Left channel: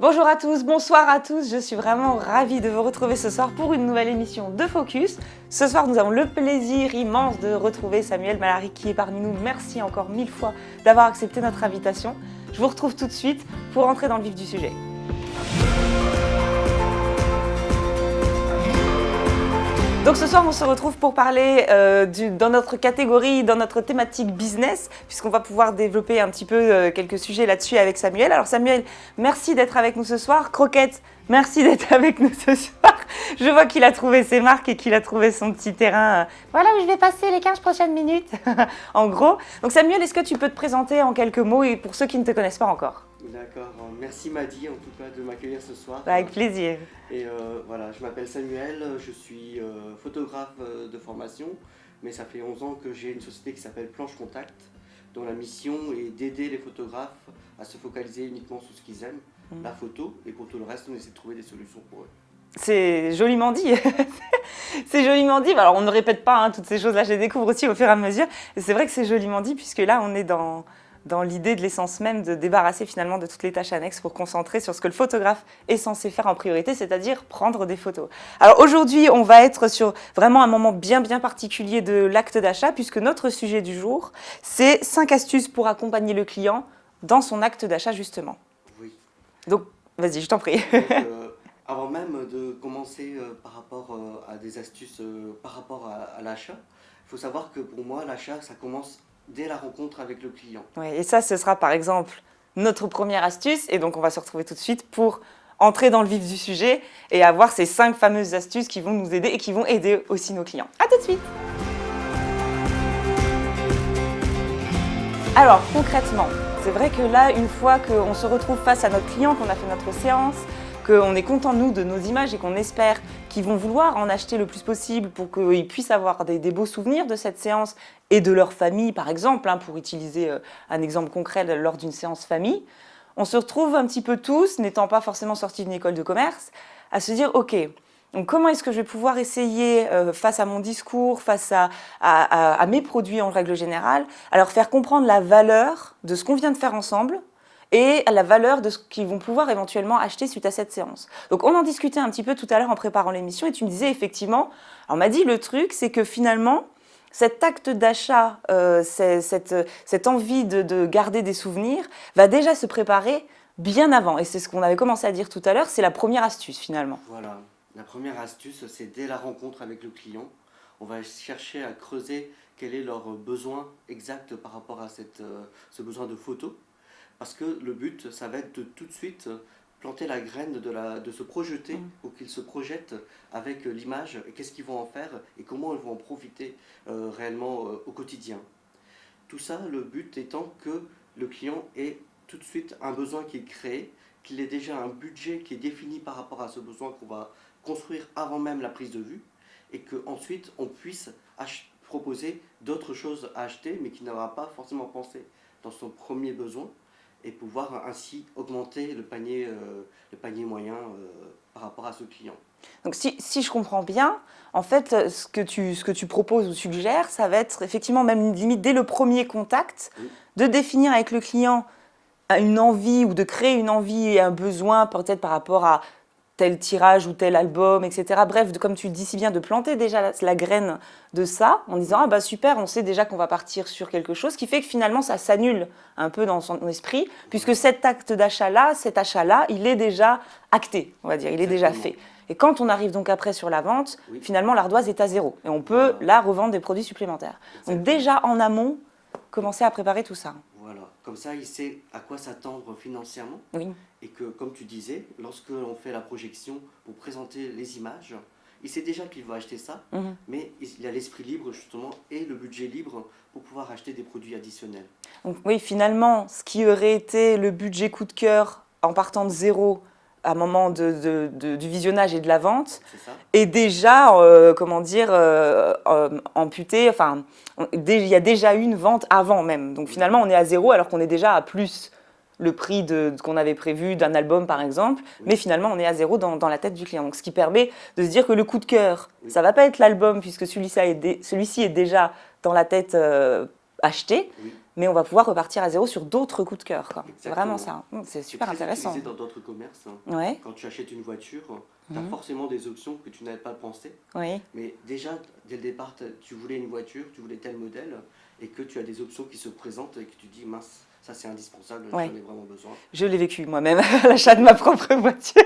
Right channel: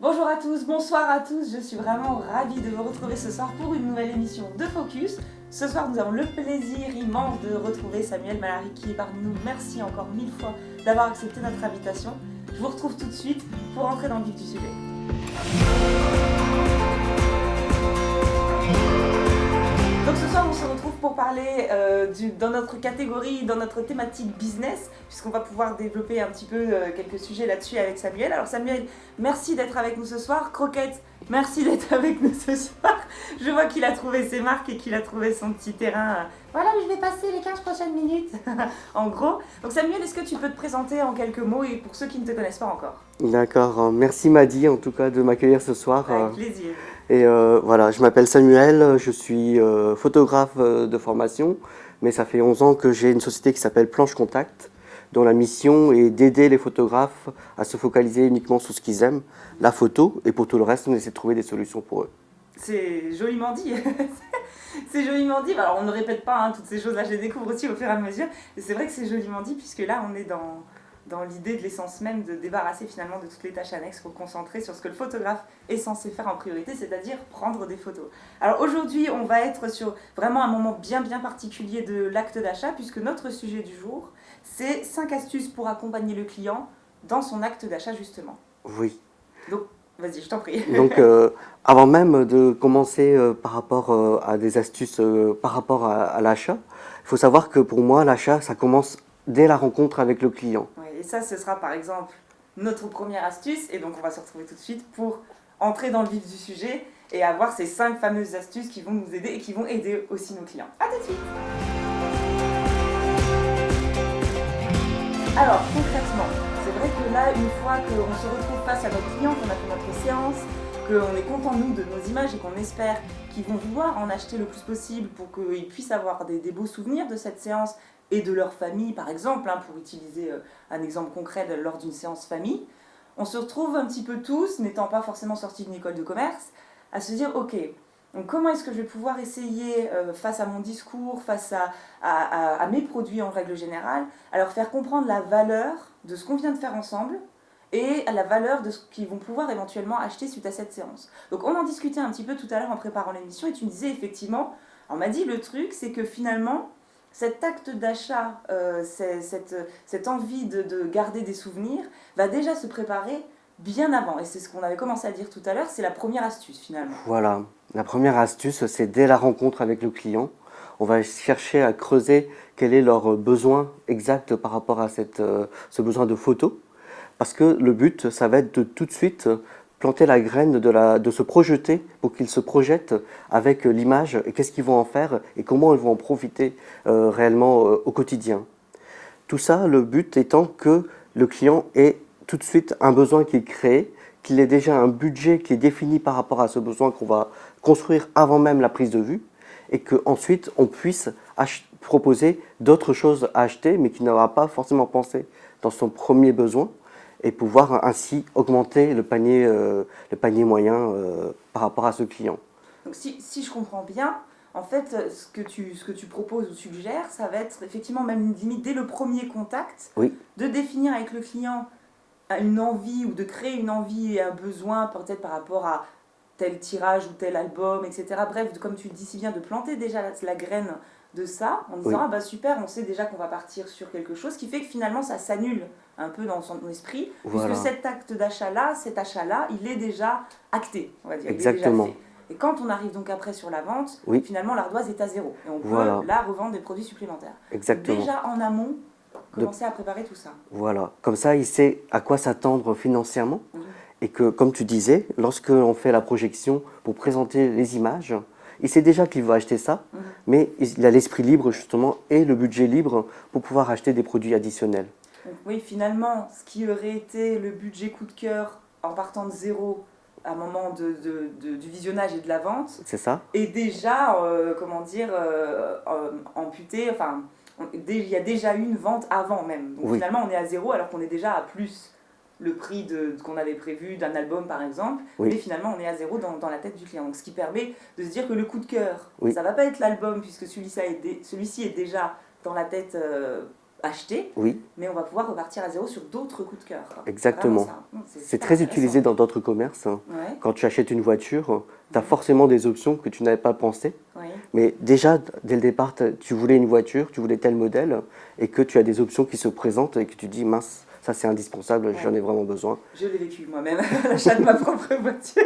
Bonjour à tous, bonsoir à tous, je suis vraiment ravie de vous retrouver ce soir pour une nouvelle émission de Focus. Ce soir, nous avons le plaisir immense de retrouver Samuel Malary qui est parmi nous. Merci encore 1000 fois d'avoir accepté notre invitation. Je vous retrouve tout de suite pour entrer dans le vif du sujet. Donc ce soir, on se retrouve pour parler dans notre catégorie, dans notre thématique business, puisqu'on va pouvoir développer un petit peu quelques sujets là-dessus avec Samuel. Alors Samuel, merci d'être avec nous ce soir. Croquette, merci d'être avec nous ce soir. Je vois qu'il a trouvé ses marques et qu'il a trouvé son petit terrain. Voilà où je vais passer les 15 prochaines minutes, en gros. Donc Samuel, est-ce que tu peux te présenter en quelques mots et pour ceux qui ne te connaissent pas encore? D'accord, merci Madi en tout cas de m'accueillir ce soir. Avec plaisir. Et voilà, je m'appelle Samuel, je suis photographe de formation, mais ça fait 11 ans que j'ai une société qui s'appelle Planche Contact, dont la mission est d'aider les photographes à se focaliser uniquement sur ce qu'ils aiment, la photo, et pour tout le reste, on essaie de trouver des solutions pour eux. C'est joliment dit. C'est joliment dit. Alors, on ne répète pas toutes ces choses-là, je les découvre aussi au fur et à mesure. Et c'est vrai que c'est joliment dit, puisque là, on est dans l'idée de l'essence même de débarrasser finalement de toutes les tâches annexes pour concentrer sur ce que le photographe est censé faire en priorité, c'est-à-dire prendre des photos. Alors aujourd'hui, on va être sur vraiment un moment bien particulier de l'acte d'achat, puisque notre sujet du jour, c'est 5 astuces pour accompagner le client dans son acte d'achat justement. Oui. Donc, vas-y, je t'en prie. Donc, avant même de commencer par rapport à des astuces par rapport à l'achat, il faut savoir que pour moi, l'achat, ça commence dès la rencontre avec le client. Ouais, et ça, ce sera par exemple notre première astuce. Et donc, on va se retrouver tout de suite pour entrer dans le vif du sujet et avoir ces 5 fameuses astuces qui vont nous aider et qui vont aider aussi nos clients. À tout de suite. Alors, concrètement, c'est vrai que là, une fois qu'on se retrouve face à notre client, qu'on a fait notre séance, qu'on est content, nous, de nos images et qu'on espère qu'ils vont vouloir en acheter le plus possible pour qu'ils puissent avoir des beaux souvenirs de cette séance et de leur famille, par exemple, pour utiliser un exemple concret lors d'une séance famille, on se retrouve un petit peu tous, n'étant pas forcément sortis d'une école de commerce, à se dire « Ok, donc comment est-ce que je vais pouvoir essayer, face à mon discours, face à mes produits en règle générale, à leur faire comprendre la valeur de ce qu'on vient de faire ensemble et la valeur de ce qu'ils vont pouvoir éventuellement acheter suite à cette séance. » Donc on en discutait un petit peu tout à l'heure en préparant l'émission et tu me disais effectivement, on m'a dit le truc c'est que finalement, cet acte d'achat, cette envie de garder des souvenirs va déjà se préparer bien avant. Et c'est ce qu'on avait commencé à dire tout à l'heure, c'est la première astuce finalement. Voilà, la première astuce, c'est dès la rencontre avec le client, on va chercher à creuser quel est leur besoin exact par rapport à ce besoin de photo. Parce que le but, ça va être de tout de suite planter la graine de se projeter pour qu'ils se projettent avec l'image et qu'est-ce qu'ils vont en faire et comment ils vont en profiter réellement au quotidien. Tout ça, le but étant que le client ait tout de suite un besoin qui est créé, qu'il ait déjà un budget qui est défini par rapport à ce besoin qu'on va construire avant même la prise de vue et qu'ensuite on puisse proposer d'autres choses à acheter mais qu'il n'aura pas forcément pensé dans son premier besoin et pouvoir ainsi augmenter le panier moyen par rapport à ce client. Donc si je comprends bien, en fait, ce que tu proposes ou suggères, ça va être effectivement même limite dès le premier contact, Oui. de définir avec le client une envie ou de créer une envie et un besoin peut-être par rapport à tel tirage ou tel album, etc. Bref, comme tu le dis si bien, de planter déjà la graine de ça en disant Oui. ah bah super, on sait déjà qu'on va partir sur quelque chose, qui fait que finalement ça s'annule un peu dans son esprit, Voilà. puisque cet acte d'achat-là, cet achat-là, il est déjà acté, on va dire, il est déjà Exactement. fait. Et quand on arrive donc après sur la vente, Oui. finalement l'ardoise est à zéro et on peut Voilà. là revendre des produits supplémentaires. Donc Exactement. déjà en amont, commencer à préparer tout ça. Voilà, comme ça il sait à quoi s'attendre financièrement Oui. et que, comme tu disais, lorsque l'on fait la projection pour présenter les images, il sait déjà qu'il va acheter ça, mais il a l'esprit libre justement et le budget libre pour pouvoir acheter des produits additionnels. Donc, oui, finalement, ce qui aurait été le budget coup de cœur en partant de zéro à un moment du visionnage et de la vente, C'est ça? est déjà, amputé. Enfin, il y a déjà eu une vente avant même. Donc Oui. finalement, on est à zéro alors qu'on est déjà à plus le prix qu'on avait prévu d'un album par exemple, Oui. mais finalement on est à zéro dans la tête du client. Donc, ce qui permet de se dire que le coup de cœur, Oui. ça ne va pas être l'album puisque celui-ci est déjà dans la tête acheter, Oui, mais on va pouvoir repartir à zéro sur d'autres coups de cœur, quoi. exactement. Vraiment ça. C'est C'est super très intéressant. utilisé dans d'autres commerces. Ouais, Quand tu achètes une voiture, tu as Mhm. forcément des options que tu n'avais pas pensé. oui, Mais déjà, dès le départ, tu voulais une voiture, tu voulais tel modèle, et que tu as des options qui se présentent et que tu dis, mince, ça c'est indispensable, ouais. j'en ai vraiment besoin. Je l'ai vécu moi-même à l'achat de ma propre voiture.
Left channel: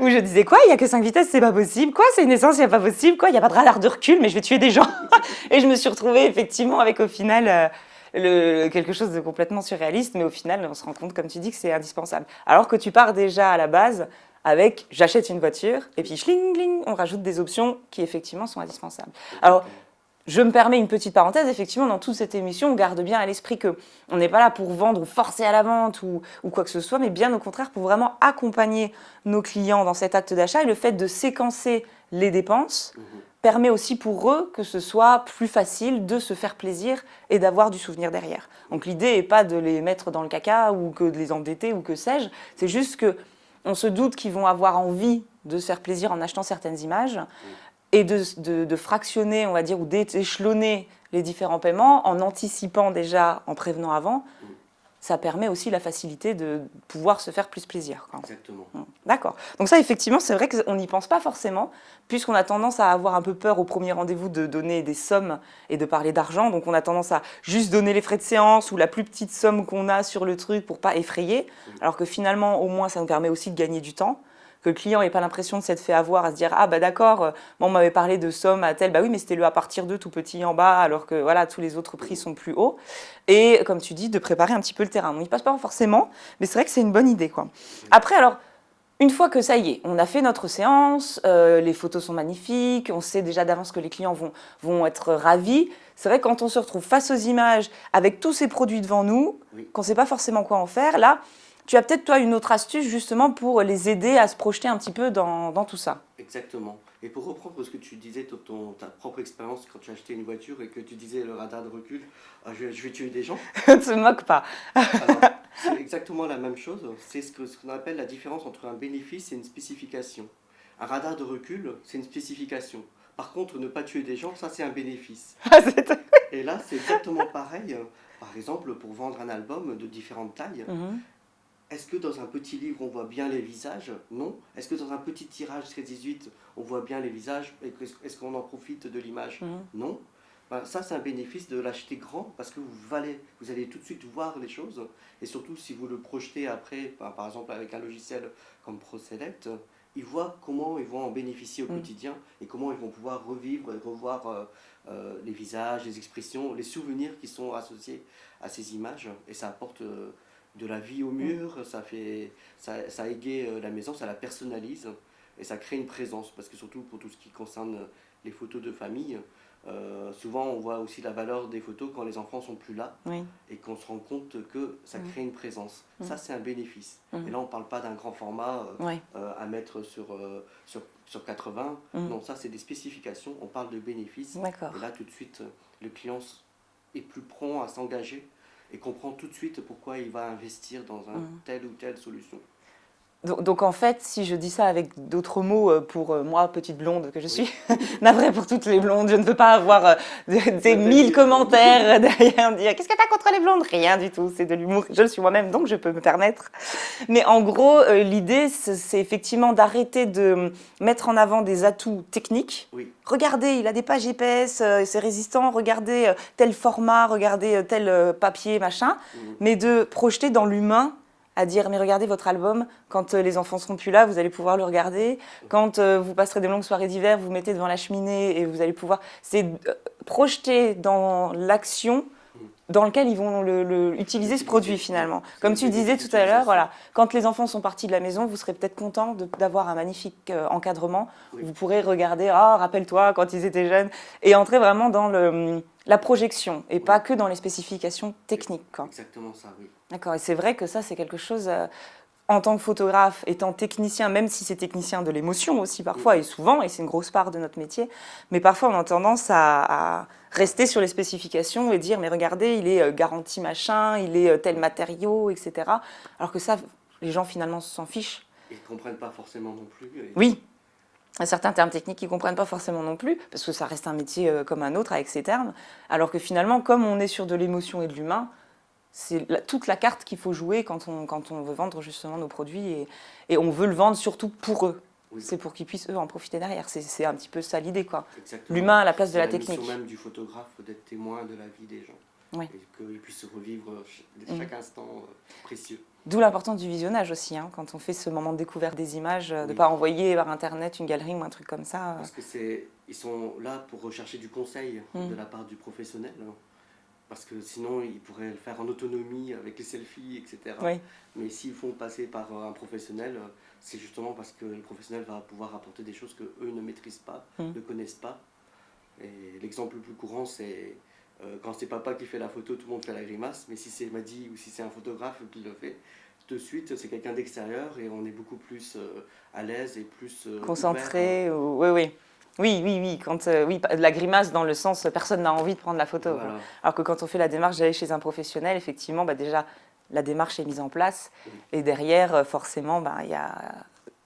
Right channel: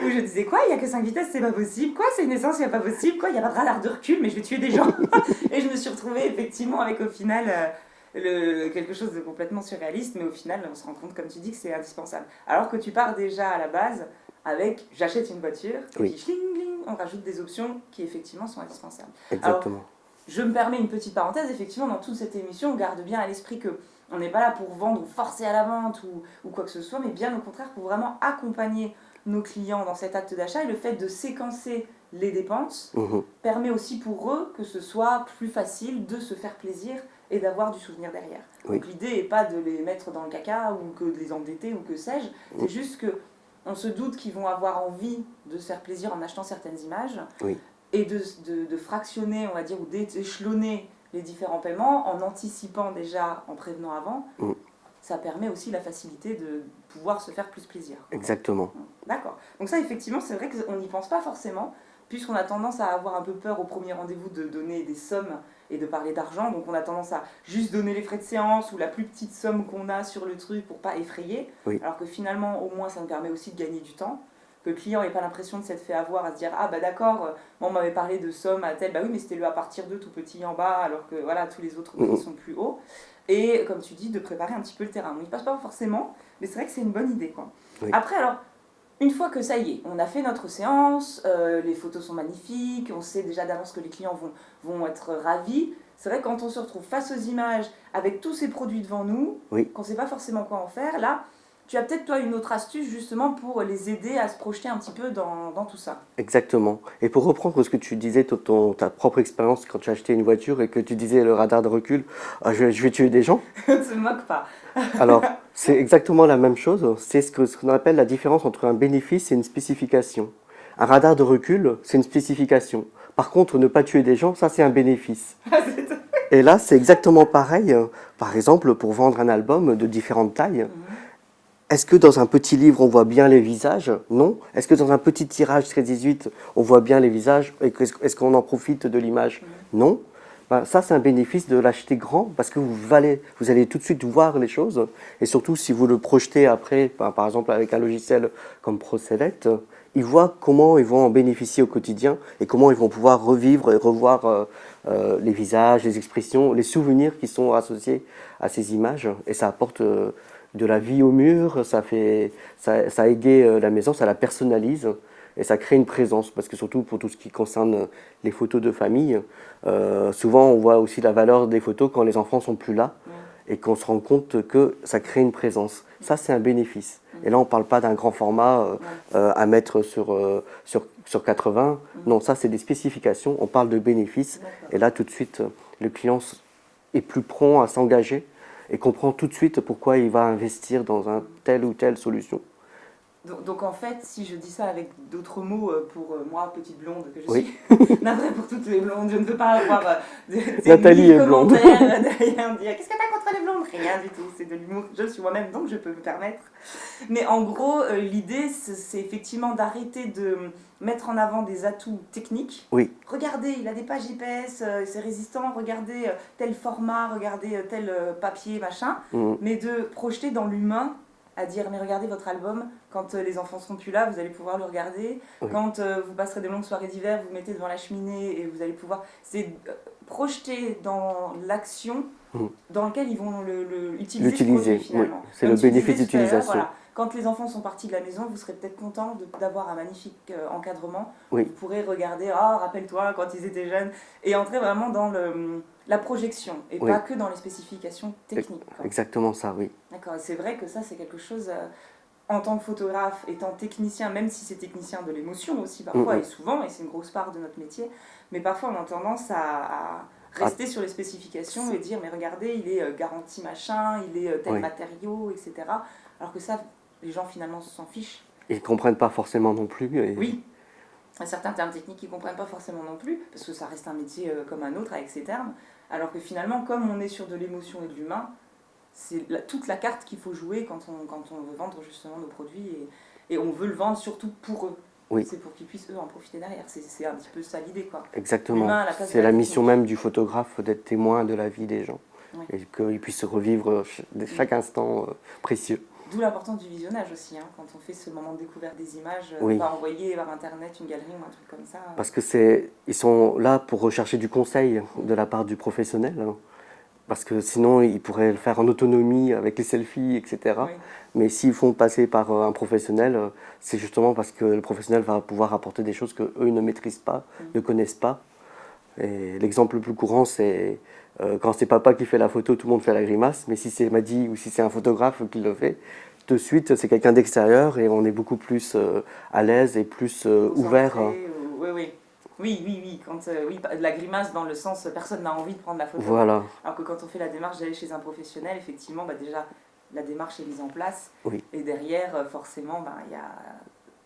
Où je disais quoi, il n'y a que 5 vitesses, c'est pas possible. Quoi, c'est une essence, il n'y a pas possible. Quoi, il n'y a pas de radar de recul, mais je vais tuer des gens. Et je me suis retrouvée effectivement avec au final quelque chose de complètement surréaliste, mais au final on se rend compte, comme tu dis, que c'est indispensable. Alors que tu pars déjà à la base avec j'achète une voiture et Oui. puis schling, schling, on rajoute des options qui effectivement sont indispensables. Alors Exactement. je me permets une petite parenthèse, effectivement, dans toute cette émission, on garde bien à l'esprit qu'on n'est pas là pour vendre ou forcer à la vente ou quoi que ce soit, mais bien au contraire pour vraiment accompagner nos clients dans cet acte d'achat. Et le fait de séquencer les dépenses Mhm. permet aussi pour eux que ce soit plus facile de se faire plaisir et d'avoir du souvenir derrière. Oui. Donc l'idée n'est pas de les mettre dans le caca ou que de les endetter ou que sais-je, c'est juste que on se doute qu'ils vont avoir envie de se faire plaisir en achetant certaines images Oui. et de fractionner, on va dire, ou d'échelonner les différents paiements en anticipant déjà, en prévenant avant. Mm. Ça permet aussi la facilité de pouvoir se faire plus plaisir, quoi. Exactement. D'accord. Donc ça, effectivement, c'est vrai qu'on n'y pense pas forcément, puisqu'on a tendance à avoir un peu peur au premier rendez-vous de donner des sommes et de parler d'argent. Donc on a tendance à juste donner les frais de séance ou la plus petite somme qu'on a sur le truc pour pas effrayer. Oui. Alors que finalement, au moins, ça nous permet aussi de gagner du temps. Que le client n'ait pas l'impression de s'être fait avoir, à se dire « Ah bah d'accord, on m'avait parlé de somme à tel, bah oui, mais c'était le à partir de tout petit en bas, alors que voilà, tous les autres prix sont plus hauts. » Et comme tu dis, de préparer un petit peu le terrain. On n'y passe pas forcément, mais c'est vrai que c'est une bonne idée, quoi. Oui. Après, alors, une fois que ça y est, on a fait notre séance, les photos sont magnifiques, on sait déjà d'avance que les clients vont être ravis. C'est vrai que quand on se retrouve face aux images, avec tous ces produits devant nous, Oui. qu'on ne sait pas forcément quoi en faire, là, tu as peut-être, toi, une autre astuce justement pour les aider à se projeter un petit peu dans tout ça. Exactement. Et pour reprendre ce que tu disais, ta propre expérience quand tu as acheté une voiture et que tu disais le radar de recul, ah, je vais tuer des gens. Ne te moque pas. Alors, c'est exactement la même chose. C'est ce qu'on appelle la différence entre un bénéfice et une spécification. Un radar de recul, c'est une spécification. Par contre, ne pas tuer des gens, ça c'est un bénéfice. Et là, c'est exactement pareil. Par exemple, pour vendre un album de différentes tailles, est-ce que dans un petit livre, on voit bien les visages? Non. Est-ce que dans un petit tirage 13-18, on voit bien les visages? Et est-ce qu'on en profite de l'image? Non. Ben, ça, c'est un bénéfice de l'acheter grand parce que vous allez tout de suite voir les choses. Et surtout, si vous le projetez après, ben, par exemple avec un logiciel comme ProSelect, ils voient comment ils vont en bénéficier au quotidien et comment ils vont pouvoir revivre et revoir les visages, les expressions, les souvenirs qui sont associés à ces images. Et ça apporte de la vie au mur, ça égaye la maison, ça la personnalise et ça crée une présence. Parce que surtout pour tout ce qui concerne les photos de famille, souvent on voit aussi la valeur des photos quand les enfants sont plus là et qu'on se rend compte que ça crée une présence. Ça c'est un bénéfice. Et là on ne parle pas d'un grand format à mettre sur 80. Non, ça c'est des spécifications, on parle de bénéfices. Et là tout de suite le client est plus prompt à s'engager et comprend tout de suite pourquoi il va investir dans telle ou telle solution. Donc en fait, si je dis ça avec d'autres mots pour moi, petite blonde que je suis, Oui. navrée pour toutes les blondes, je ne veux pas avoir des Nathalie 1000 est blonde. commentaires derrière dire qu'est-ce que t'as contre les blondes? Rien du tout, c'est de l'humour. Je le suis moi-même, donc je peux me permettre. Mais en gros, l'idée, c'est effectivement d'arrêter de mettre en avant des atouts techniques. Oui, Regardez, il a des pages GPS, c'est résistant, regardez tel format, regardez tel papier, machin, mais de projeter dans l'humain à dire mais regardez votre album, quand les enfants seront plus là, vous allez pouvoir le regarder. Quand vous passerez des longues soirées d'hiver, vous mettez devant la cheminée et vous allez pouvoir... C'est projeter dans l'action dans lequel ils vont utiliser ce produit finalement. C'est Comme le tu disais bénéfice tout à l'heure, d'utilisation. voilà, quand les enfants sont partis de la maison, vous serez peut-être content d'avoir un magnifique encadrement. Oui. Vous pourrez regarder, oh, rappelle-toi quand ils étaient jeunes, et entrer vraiment dans la projection et pas que dans les spécifications techniques, quoi. Exactement ça, oui. D'accord, et c'est vrai que ça, c'est quelque chose, en tant que photographe, étant technicien, même si c'est technicien de l'émotion aussi parfois, et souvent, et c'est une grosse part de notre métier, mais parfois on a tendance à rester sur les spécifications et dire, mais regardez, il est garanti machin, il est tel matériau, etc. Alors que ça, les gens finalement s'en fichent. Ils ne comprennent pas forcément non plus. Oui. certains termes techniques qu'ils ne comprennent pas forcément non plus, parce que ça reste un métier comme un autre avec ses termes, alors que finalement, comme on est sur de l'émotion et de l'humain, c'est toute la carte qu'il faut jouer quand on veut vendre justement nos produits, et on veut le vendre surtout pour eux. Oui, C'est pour qu'ils puissent, eux, en profiter derrière. C'est un petit peu ça l'idée, quoi. exactement. L'humain à la place de C'est la la technique. mission même du photographe d'être témoin de la vie des gens Oui. et qu'ils puissent revivre chaque instant précieux. D'où l'importance du visionnage aussi, hein, quand on fait ce moment de découverte des images, Oui. pas envoyer par Internet une galerie ou un truc comme ça. Parce que ils sont là pour rechercher du conseil de la part du professionnel. Hein. Parce que sinon, ils pourraient le faire en autonomie avec les selfies, etc. Oui. Mais s'ils font passer par un professionnel, c'est justement parce que le professionnel va pouvoir apporter des choses qu'eux ne maîtrisent pas, ne connaissent pas. Et l'exemple le plus courant, c'est quand c'est papa qui fait la photo, tout le monde fait la grimace. Mais si c'est Madi ou si c'est un photographe qui le fait, de suite, c'est quelqu'un d'extérieur et on est beaucoup plus à l'aise et plus ouvert. Concentré, oui. Oui. Oui, la grimace dans le sens personne n'a envie de prendre la photo. Voilà. Alors que quand on fait la démarche d'aller chez un professionnel, effectivement, déjà, la démarche est mise en place. Oui. Et derrière, forcément, il y a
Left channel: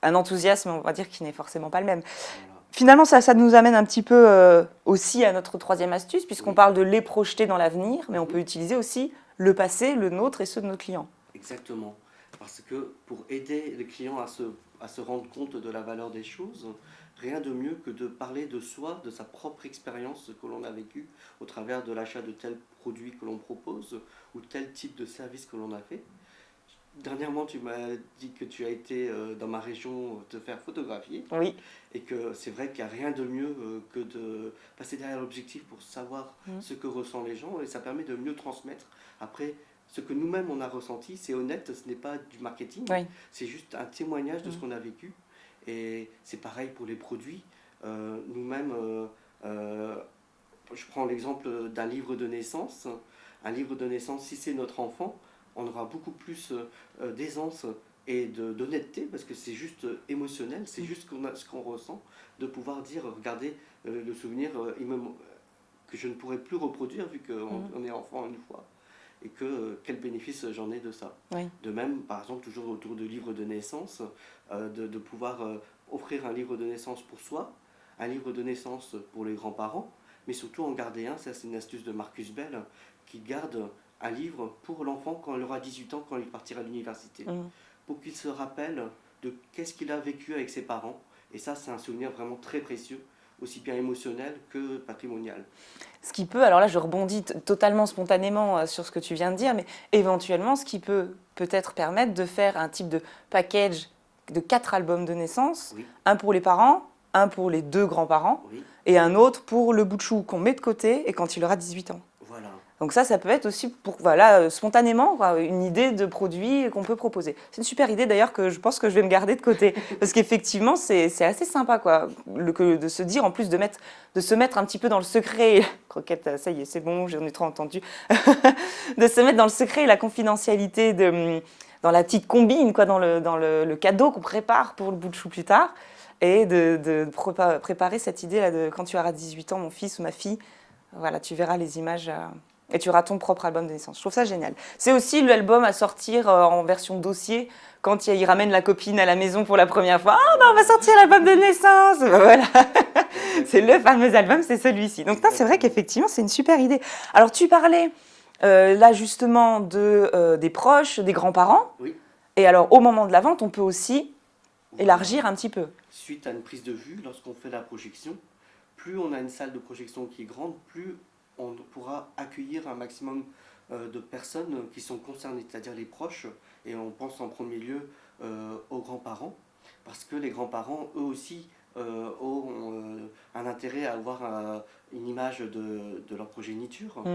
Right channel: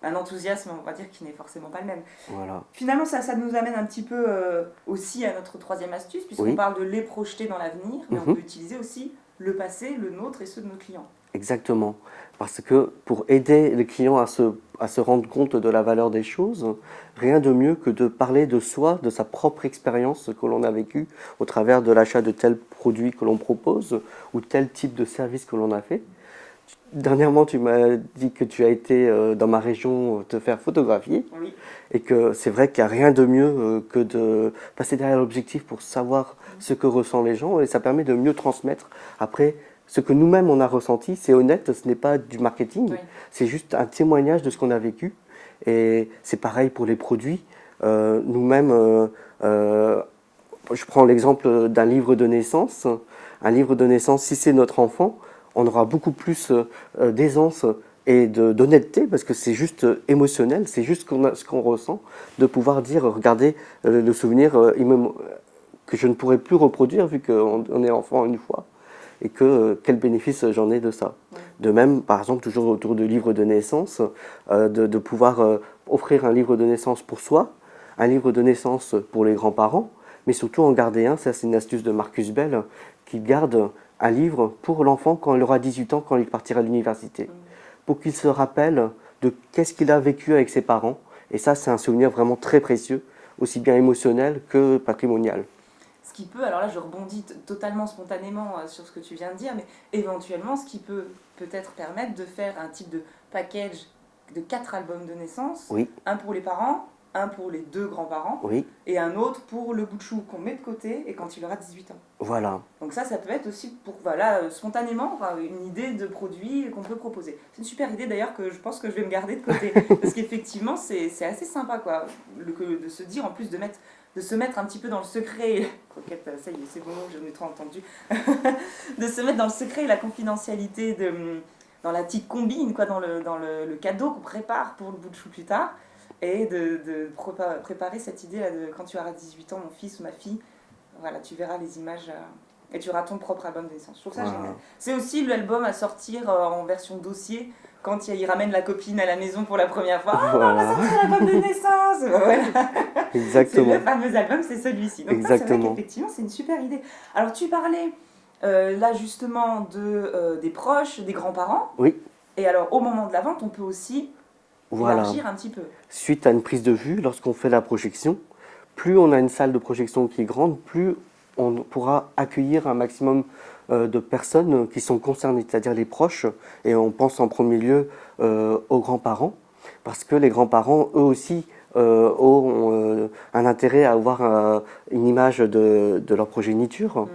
un enthousiasme, on va dire, qui n'est forcément pas le même. Voilà. Finalement, ça nous amène un petit peu aussi à notre troisième astuce, puisqu'on Oui. parle de les projeter dans l'avenir, mais on peut utiliser aussi le passé, le nôtre et ceux de nos clients. Exactement. Parce que pour aider les clients à se rendre compte de la valeur des choses, rien de mieux que de parler de soi, de sa propre expérience que l'on a vécue au travers de l'achat de tel produit que l'on propose ou tel type de service que l'on a fait. Dernièrement, tu m'as dit que tu as été dans ma région te faire photographier Oui. et que c'est vrai qu'il n'y a rien de mieux que de passer derrière l'objectif pour savoir ce que ressentent les gens et ça permet de mieux transmettre. Après, ce que nous-mêmes on a ressenti, c'est honnête, ce n'est pas du marketing, c'est juste un témoignage de ce qu'on a vécu. Et c'est pareil pour les produits. Nous-mêmes, je prends l'exemple d'un livre de naissance. Un livre de naissance, si c'est notre enfant, on aura beaucoup plus d'aisance et d'honnêteté parce que c'est juste émotionnel, c'est juste ce qu'on ressent, de pouvoir dire, regardez, le souvenir que je ne pourrais plus reproduire vu qu'on est enfant une fois. Et quel bénéfice j'en ai de ça. Oui. De même, par exemple, toujours autour de livres de naissance, de pouvoir offrir un livre de naissance pour soi, un livre de naissance pour les grands-parents, mais surtout en garder un, ça c'est une astuce de Marcus Bell, qui garde un livre pour l'enfant quand il aura 18 ans, quand il partira à l'université, pour qu'il se rappelle de qu'est-ce qu'il a vécu avec ses parents. Et ça, c'est un souvenir vraiment très précieux, aussi bien émotionnel que patrimonial. Ce qui peut, alors là je rebondis totalement spontanément sur ce que tu viens de dire, mais éventuellement ce qui peut peut-être permettre de faire un type de package de 4 albums de naissance, un pour les parents, un pour les 2 grands-parents, et un autre pour le bout de chou qu'on met de côté et quand il aura 18 ans. Voilà. Donc ça peut être aussi spontanément une idée de produit qu'on peut proposer. C'est une super idée d'ailleurs que je pense que je vais me garder de côté. Parce qu'effectivement, c'est assez sympa de se dire, en plus de se mettre un petit peu dans le secret. Croquette, ça y est, c'est bon, j'en ai trop entendu. De se mettre dans le secret et la confidentialité dans la petite combine, dans le cadeau qu'on prépare pour le bout de chou plus tard. Et de préparer cette idée là de quand tu auras 18 ans, mon fils ou ma fille, voilà, tu verras les images et tu auras ton propre album de naissance. Je trouve ça génial. C'est aussi l'album à sortir en version dossier quand il ramène la copine à la maison pour la première fois. Ah, on va sortir l'album de naissance. Voilà. C'est le fameux album, c'est celui-ci. Donc ça, c'est vrai qu'effectivement, c'est une super idée. Alors tu parlais là justement des proches, des grands-parents. Oui. Et alors au moment de la vente, on peut aussi élargir un petit peu. Suite à une prise de vue, lorsqu'on fait la projection, plus on a une salle de projection qui est grande, plus on pourra accueillir un maximum de personnes qui sont concernées, c'est-à-dire les proches, et on pense en premier lieu aux grands-parents, parce que les grands-parents, eux aussi, ont un intérêt à avoir une image de leur progéniture.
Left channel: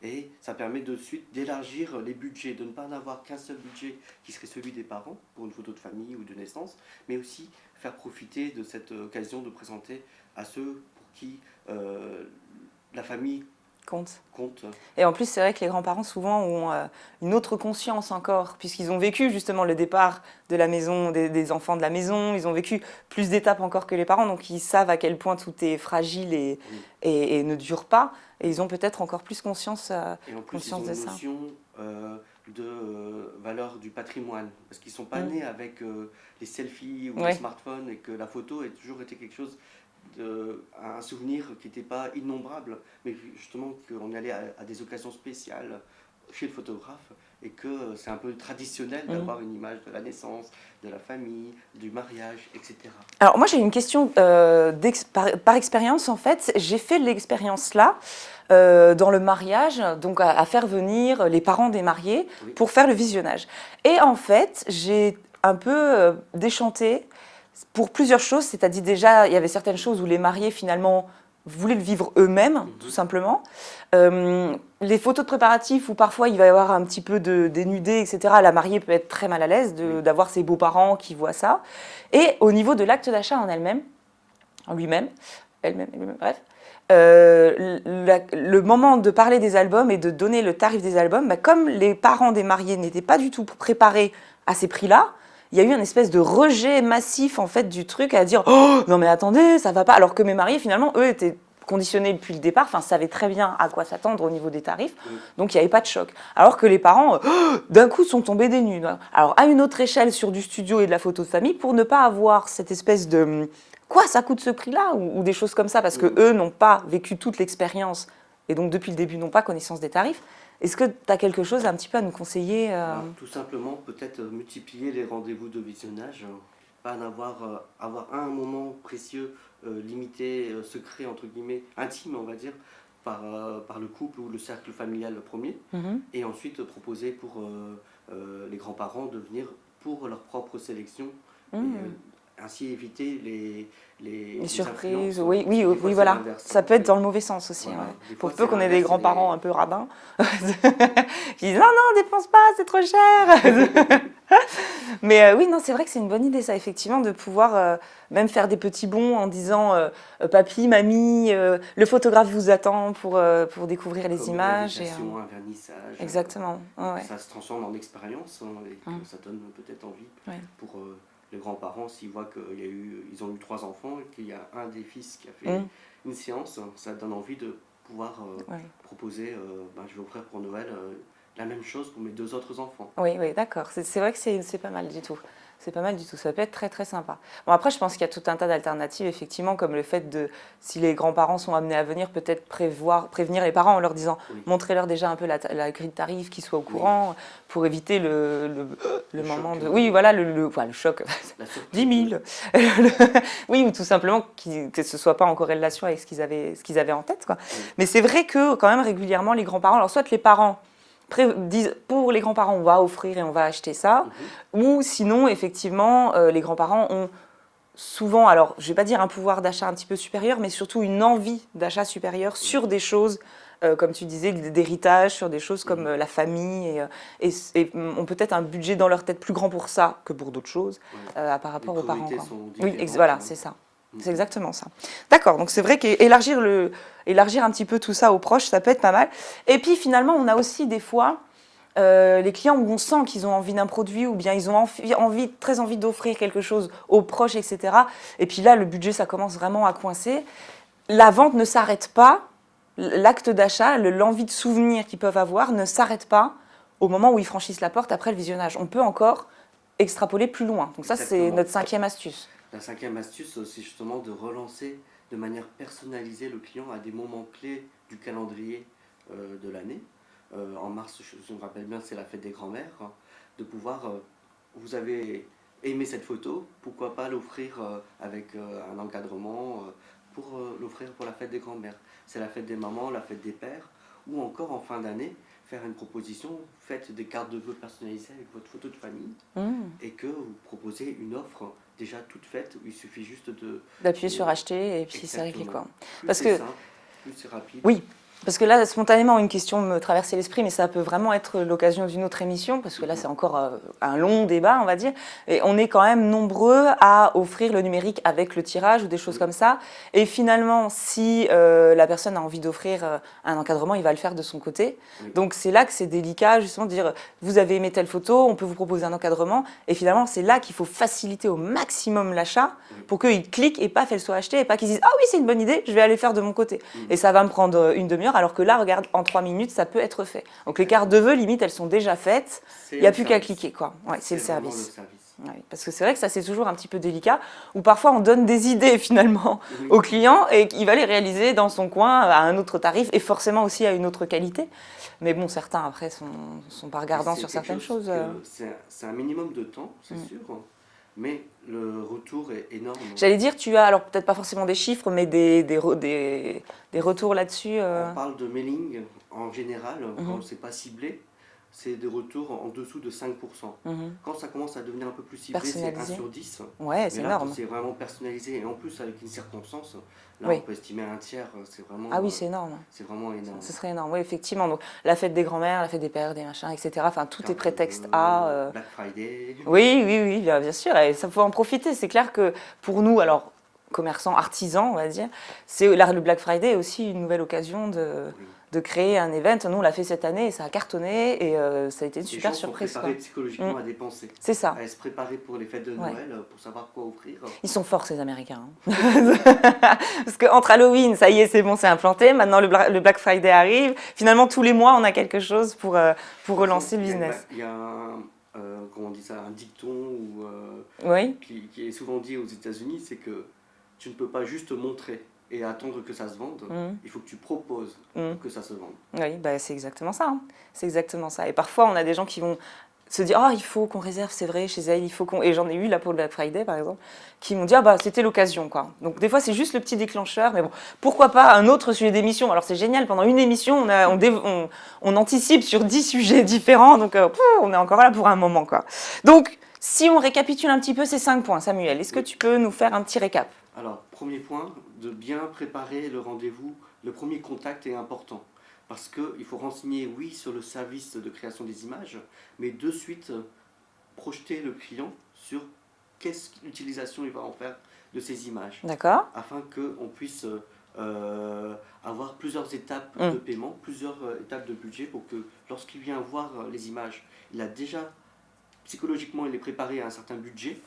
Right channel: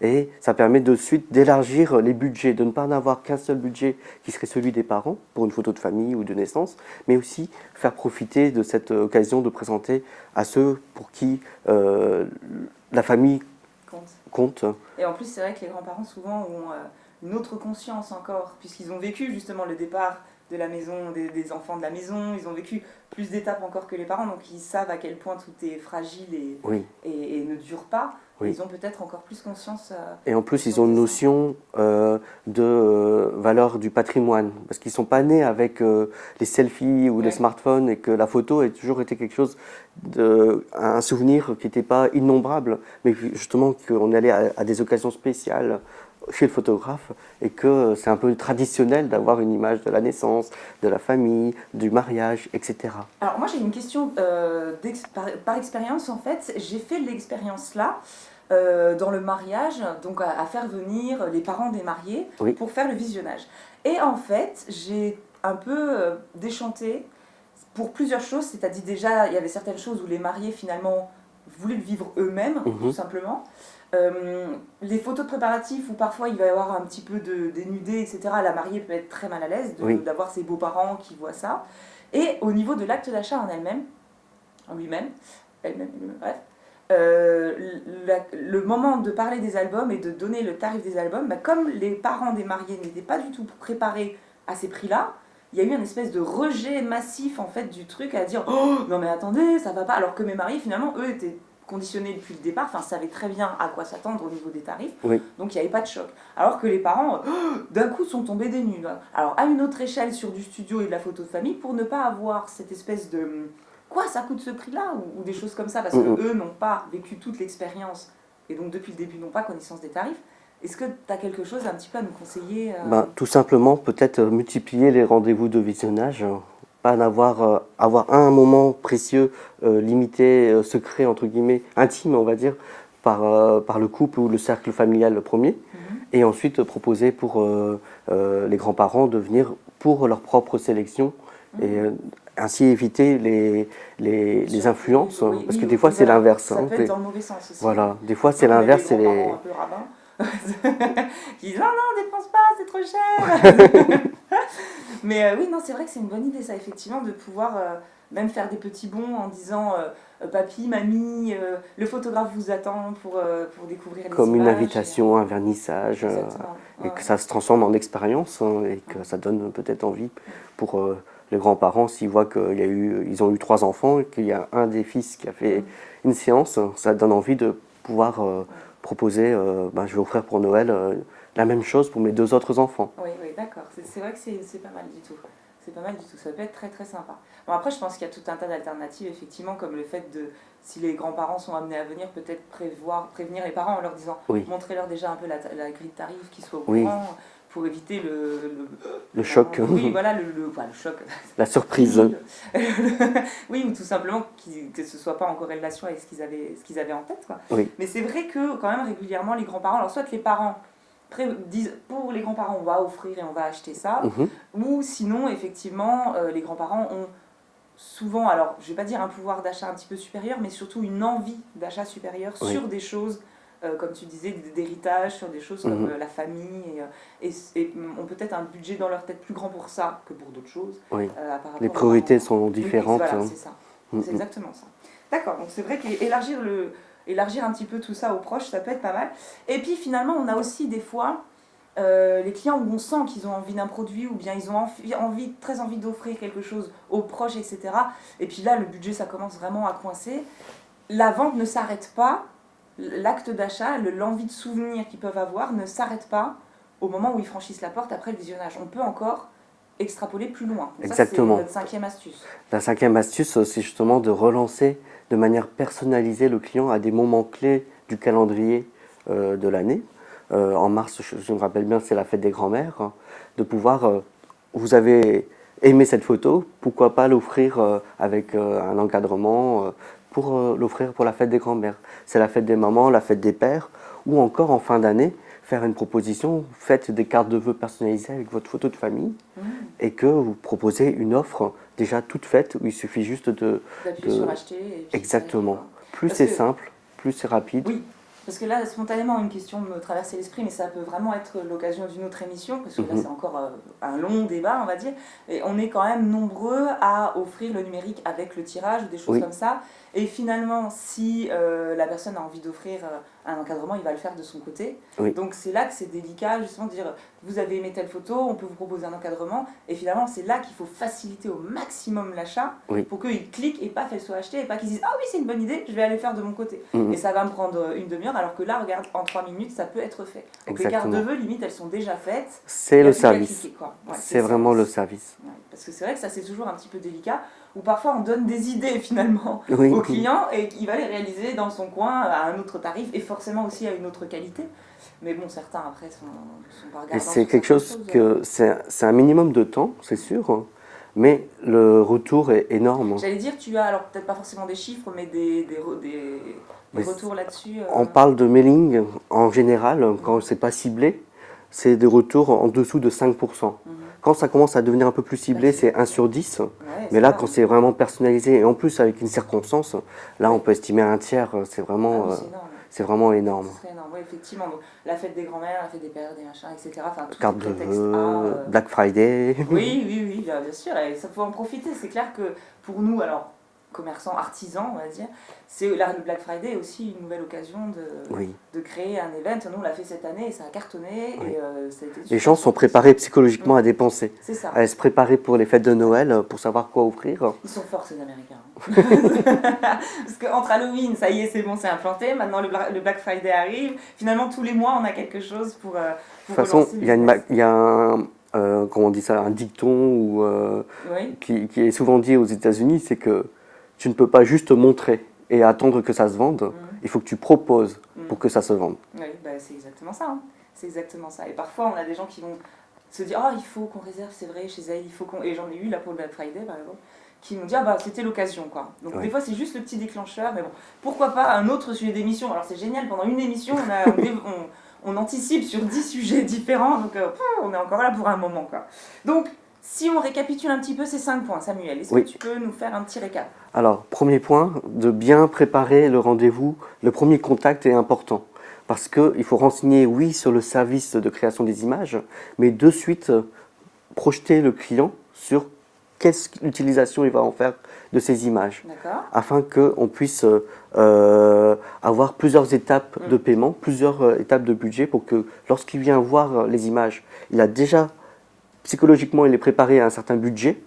Et ça permet de suite d'élargir les budgets, de ne pas en avoir qu'un seul budget qui serait celui des parents pour une photo de famille ou de naissance, mais aussi faire profiter de cette occasion de présenter à ceux pour qui la famille compte. Et en plus, c'est vrai que les grands-parents souvent ont une autre conscience encore, puisqu'ils ont vécu justement le départ de la maison, des enfants de la maison, ils ont vécu plus d'étapes encore que les parents, donc ils savent à quel point tout est fragile et ne dure pas. Et ils ont peut-être encore plus conscience. Et en plus, conscience ils ont une de ça. notion de valeur du patrimoine. Parce qu'ils ne sont pas nés avec les selfies ou les smartphones et que la photo a toujours été quelque chose, un souvenir qui n'était pas innombrable, mais justement qu'on allait à des occasions spéciales chez le photographe et que c'est un peu traditionnel d'avoir une image de la naissance, de la famille, du mariage, etc. Alors moi j'ai une question par expérience en fait. J'ai fait l'expérience là dans le mariage, donc à faire venir les parents des mariés pour faire le visionnage. Et en fait j'ai un peu déchanté pour plusieurs choses, c'est-à-dire déjà il y avait certaines choses où les mariés finalement voulaient le vivre eux-mêmes, tout simplement. Les photos de préparatifs où parfois il va y avoir un petit peu de dénudé, etc. La mariée peut être très mal à l'aise d'avoir ses beaux-parents qui voient ça. Et au niveau de l'acte d'achat en elle-même, en lui-même, elle-même, bref, le moment de parler des albums et de donner le tarif des albums, bah, comme les parents des mariés n'étaient pas du tout préparés à ces prix-là, il y a eu une espèce de rejet massif en fait du truc à dire « Oh, non mais attendez, ça va pas », alors que mes mariés finalement, eux, étaient conditionnés depuis le départ, enfin savaient très bien à quoi s'attendre au niveau des tarifs, donc il n'y avait pas de choc. Alors que les parents, d'un coup, sont tombés des nues. Alors à une autre échelle sur du studio et de la photo de famille, pour ne pas avoir cette espèce de « Quoi, ça coûte ce prix-là » ou des choses comme ça, parce que eux n'ont pas vécu toute l'expérience, et donc depuis le début n'ont pas connaissance des tarifs. Est-ce que tu as quelque chose un petit peu à nous conseiller Tout simplement, peut-être multiplier les rendez-vous de visionnage, pas avoir un moment précieux, limité, secret, entre guillemets, intime, on va dire, par le couple ou le cercle familial le premier, et ensuite proposer pour les grands-parents de venir pour leur propre sélection, et ainsi éviter les influences, parce que des fois c'est l'inverse. Ça peut être dans le mauvais sens aussi. Voilà, des fois c'est l'inverse. Les grands-parents un peu radins. Qui disent non, dépense pas, c'est trop cher. Mais oui, non, c'est vrai que c'est une bonne idée, ça, effectivement, de pouvoir même faire des petits bons en disant papy, mamie, le photographe vous attend pour découvrir les images. Comme une invitation, un vernissage. Exactement. Et que ça se transforme en expérience et que ça donne peut-être envie pour les grands-parents s'ils voient qu'ils ont eu 3 enfants et qu'il y a un des fils qui a fait une séance, ça donne envie de pouvoir proposer, je vais offrir pour Noël la même chose pour mes 2 autres enfants. Oui, d'accord. C'est vrai que c'est pas mal du tout. C'est pas mal du tout, ça peut être très très sympa. Bon, après, je pense qu'il y a tout un tas d'alternatives, effectivement, comme le fait de, si les grands-parents sont amenés à venir, peut-être prévenir les parents en leur disant, montrez-leur déjà un peu la grille de tarifs, qu'ils soient au courant, pour éviter le choc. Oui, voilà, le choc. La surprise. Oui, ou tout simplement que ce ne soit pas en corrélation avec ce qu'ils avaient en tête, quoi. Mais c'est vrai que, quand même, régulièrement, les grands-parents, alors soit les parents disent pour les grands-parents on va offrir et on va acheter ça, ou sinon effectivement les grands-parents ont souvent, alors je vais pas dire un pouvoir d'achat un petit peu supérieur, mais surtout une envie d'achat supérieur sur des choses comme tu disais, d'héritage, sur des choses comme la famille et ont peut-être un budget dans leur tête plus grand pour ça que pour d'autres choses. Par rapport les priorités sont différentes. Oui, voilà, c'est ça. C'est exactement ça. D'accord, donc c'est vrai qu'élargir un petit peu tout ça aux proches, ça peut être pas mal. Et puis finalement, on a aussi des fois les clients où on sent qu'ils ont envie d'un produit ou bien ils ont très envie d'offrir quelque chose aux proches, etc. Et puis là, le budget, ça commence vraiment à coincer. La vente ne s'arrête pas, l'acte d'achat, l'envie de souvenir qu'ils peuvent avoir ne s'arrête pas au moment où ils franchissent la porte après le visionnage. On peut encore extrapoler plus loin. Donc ça, c'est notre 5e astuce. La 5e astuce, c'est justement de relancer de manière personnalisée le client à des moments clés du calendrier de l'année. En mars, je me rappelle bien, c'est la fête des grands-mères. De pouvoir, vous avez aimé cette photo, pourquoi pas l'offrir avec un encadrement pour l'offrir pour la fête des grands-mères. C'est la fête des mamans, la fête des pères, ou encore en fin d'année, faire une proposition, faites des cartes de vœux personnalisées avec votre photo de famille et que vous proposez une offre déjà toute faite où il suffit juste d'appuyer sur acheter et puis exactement. Plus c'est simple, plus c'est rapide. Oui. Parce que là, spontanément, une question me traversait l'esprit, mais ça peut vraiment être l'occasion d'une autre émission, parce que là, c'est encore un long débat, on va dire. Et on est quand même nombreux à offrir le numérique avec le tirage ou des choses comme ça. Et finalement, si la personne a envie d'offrir un encadrement, il va le faire de son côté. Donc, c'est là que c'est délicat, justement, de dire, vous avez aimé telle photo, on peut vous proposer un encadrement. Et finalement, c'est là qu'il faut faciliter au maximum l'achat pour qu'ils cliquent et paf, elle soit achetée, et pas qu'ils disent, ah oui, c'est une bonne idée, je vais aller faire de mon côté. Et ça va me prendre une demi-heure. heure, alors que là, regarde, en 3 minutes, ça peut être fait. Donc les cartes de vœux, limite, elles sont déjà faites. C'est Il n'y a le plus qu'à service. cliquer, quoi. Ouais, C'est vraiment le service. Ouais, parce que c'est vrai que ça, c'est toujours un petit peu délicat, où parfois on donne des idées finalement Oui. au client et il va les réaliser dans son coin à un autre tarif et forcément aussi à une autre qualité. Mais bon, certains après sont pas regardants C'est sur quelque certaines chose choses. que c'est un minimum de temps, c'est sûr, hein, mais le retour est énorme. J'allais dire, tu as alors peut-être pas forcément des chiffres, mais des Mais retours là-dessus. On parle de mailing en général, quand Mhm. c'est pas ciblé, c'est des retours en dessous de 5%. Mhm. Quand ça commence à devenir un peu plus ciblé, c'est 1 Personnalisé. sur 10. Ouais, Mais là, énorme. quand c'est vraiment personnalisé, et en plus avec une circonstance, là, Oui. on peut estimer un tiers. C'est Ah vraiment, oui, c'est énorme. c'est vraiment énorme. Ce serait énorme, oui, effectivement. Donc, la fête des grands-mères, la fête des pères, des machins, etc. Enfin, tout est Carte de prétexte vœux, à. Black Friday. Oui, oui, oui, bien sûr. Et ça faut en profiter. C'est clair que pour nous, alors, commerçants, artisans, on va dire, le Black Friday est aussi une nouvelle occasion Oui. de créer un event. Nous, on l'a fait cette année et ça a cartonné Oui. et ça a été une Les super gens sont surprise. préparés psychologiquement à dépenser, C'est ça. à se préparer pour les fêtes de Noël, pour savoir quoi offrir. Ils sont forts, ces Américains. Parce qu'entre Halloween, ça y est, c'est bon, c'est implanté. Maintenant, le Black Friday arrive. Finalement, tous les mois, on a quelque chose pour De toute façon, relancer le business. il y a un, comment on dit ça, un dicton Oui, qui est souvent dit aux États-Unis, c'est que tu ne peux pas juste montrer et attendre que ça se vende. Il faut que tu proposes pour que ça se vende. oui, bah, c'est exactement ça. Hein. C'est exactement ça. Et parfois, on a des gens qui vont se dire « Oh, il faut qu'on réserve, c'est vrai, chez elle, il faut qu'on… » Et j'en ai eu là pour le Black Friday, par exemple, qui m'ont dit « Ah bah, c'était l'occasion, quoi. » Donc, des fois, c'est juste le petit déclencheur. Mais bon, pourquoi pas un autre sujet d'émission. Alors, c'est génial, pendant une émission, on anticipe sur 10 sujets différents. Donc, on est encore là pour un moment, quoi. Donc, si on récapitule un petit peu ces 5 points, Samuel, est-ce que tu peux nous faire un petit récap? Alors, premier point, de bien préparer le rendez-vous. Le premier contact est important. Parce qu'il faut renseigner, oui, sur le service de création des images, mais de suite projeter le client sur quelle utilisation il va en faire de ces images. D'accord. Afin qu'on puisse avoir plusieurs étapes de paiement, plusieurs étapes de budget pour que lorsqu'il vient voir les images, il a déjà, psychologiquement, il est préparé à un certain budget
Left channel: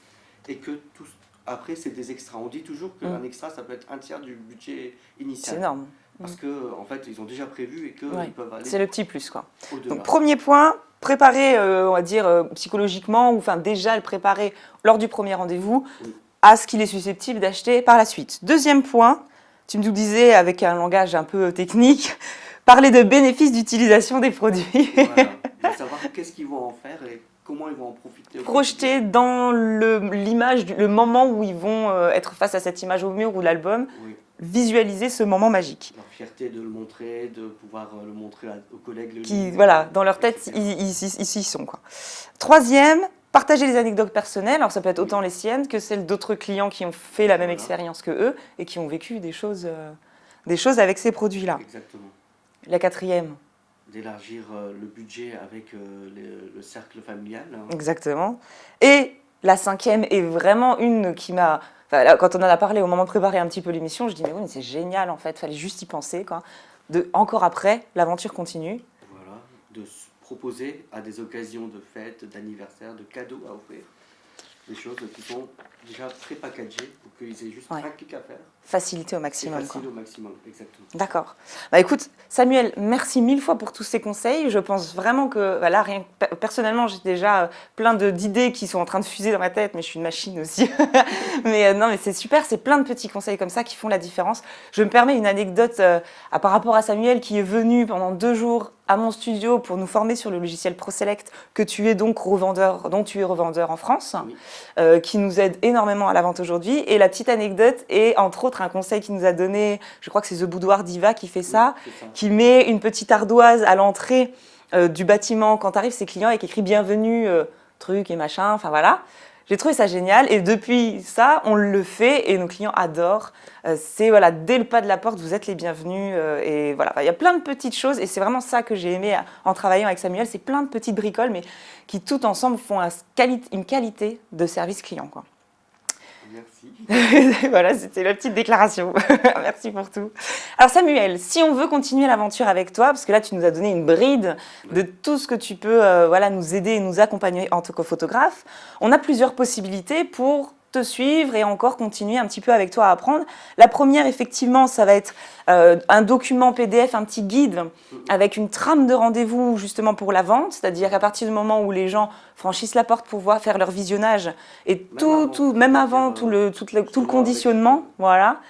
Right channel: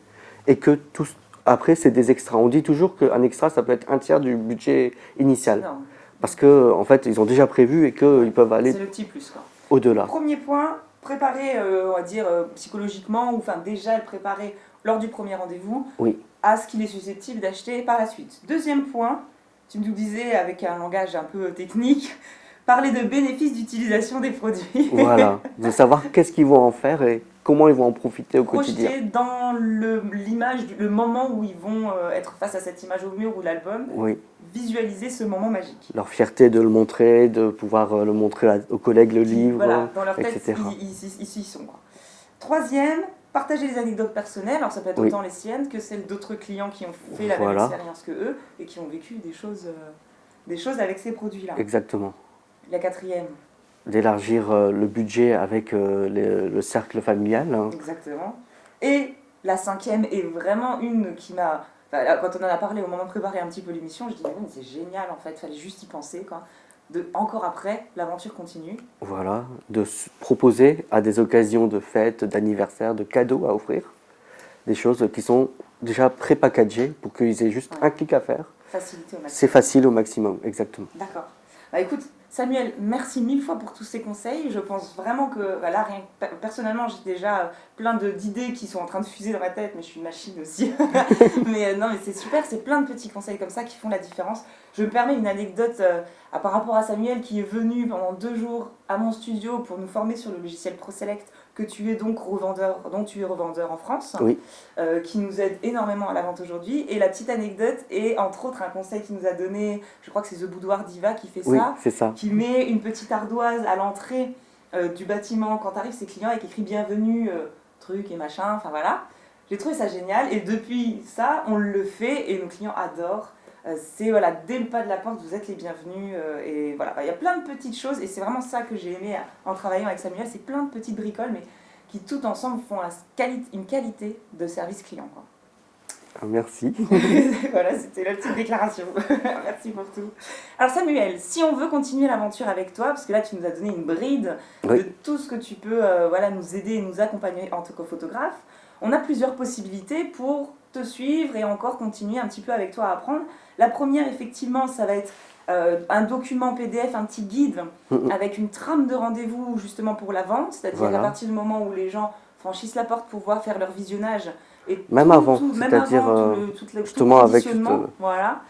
et que tout, après, c'est des extras. On dit toujours qu'un extra, ça peut être un tiers du budget initial. C'est énorme. Parce qu'en fait, ils ont déjà prévu et qu'ils peuvent aller C'est le petit plus, quoi. au-delà. Premier point, préparer, on va dire, psychologiquement, ou enfin déjà le préparer lors du premier rendez-vous Oui. à ce qu'il est susceptible d'acheter par la suite. Deuxième point, tu nous disais avec un langage un peu technique, parler de bénéfices d'utilisation des produits. Voilà, de savoir qu'est-ce qu'ils vont en faire et comment ils vont en profiter au quotidien. Projeter dans l'image, le moment où ils vont être face à cette image au mur ou l'album, Oui, visualiser ce moment magique. leur fierté de le montrer, de pouvoir le montrer aux collègues, le livre, Voilà, dans leur tête, etc. ils y sont, quoi. Troisième, partager les anecdotes personnelles. Alors ça peut être Oui. autant les siennes que celles d'autres clients qui ont fait la même Voilà. expérience que eux et qui ont vécu des choses avec ces produits-là. Exactement. La quatrième, D'élargir le budget avec le cercle familial. Hein. exactement. Et la cinquième est vraiment une qui m'a… Enfin, là, quand on en a parlé au moment de préparer un petit peu l'émission, je dis mais oui, mais c'est génial en fait, fallait juste y penser, quoi. Encore après, l'aventure continue. Voilà, de proposer à des occasions de fêtes, d'anniversaires, de cadeaux à offrir, des choses qui sont déjà pré-packagées pour qu'ils aient juste un clic à faire. Facilité au maximum. C'est facile au maximum, exactement. D'accord. Bah écoute, Samuel, merci 1000 fois pour tous ces conseils. Je pense vraiment que, là, personnellement, j'ai déjà plein d'idées qui sont en train de fuser dans ma tête, mais je suis une machine aussi. Mais non, mais c'est super, c'est plein de petits conseils comme ça qui font la différence. Je me permets une anecdote par rapport à Samuel qui est venu pendant 2 jours à mon studio pour nous former sur le logiciel ProSelect, que tu es donc revendeur, dont tu es revendeur en France, Oui. qui nous aide énormément à la vente aujourd'hui. Et la petite anecdote est entre autres un conseil qu'il nous a donné, je crois que c'est The Boudoir Diva qui fait ça, Oui, c'est ça. qui met une petite ardoise à l'entrée du bâtiment quand arrivent ses clients et qui écrit bienvenue, truc et machin, enfin voilà. J'ai trouvé ça génial et depuis ça, on le fait et nos clients adorent. C'est voilà, dès le pas de la porte, vous êtes les bienvenus et voilà. Il y a plein de petites choses et c'est vraiment ça que j'ai aimé en travaillant avec Samuel, c'est plein de petites bricoles mais qui tout ensemble font une qualité de service client, quoi. Merci. Voilà, c'était la petite déclaration. Merci pour tout. Alors Samuel, si on veut continuer l'aventure avec toi, parce que là tu nous as donné une bride de tout ce que tu peux nous aider et nous accompagner en tant que photographe, on a plusieurs possibilités pour te suivre et encore continuer un petit peu avec toi à apprendre. La première, effectivement, ça va être un document PDF, un petit guide avec une trame de rendez-vous justement pour la vente, c'est-à-dire qu'à partir du moment où les gens franchissent la porte pour voir faire leur visionnage et Même avant, même avant tout le conditionnement, voilà.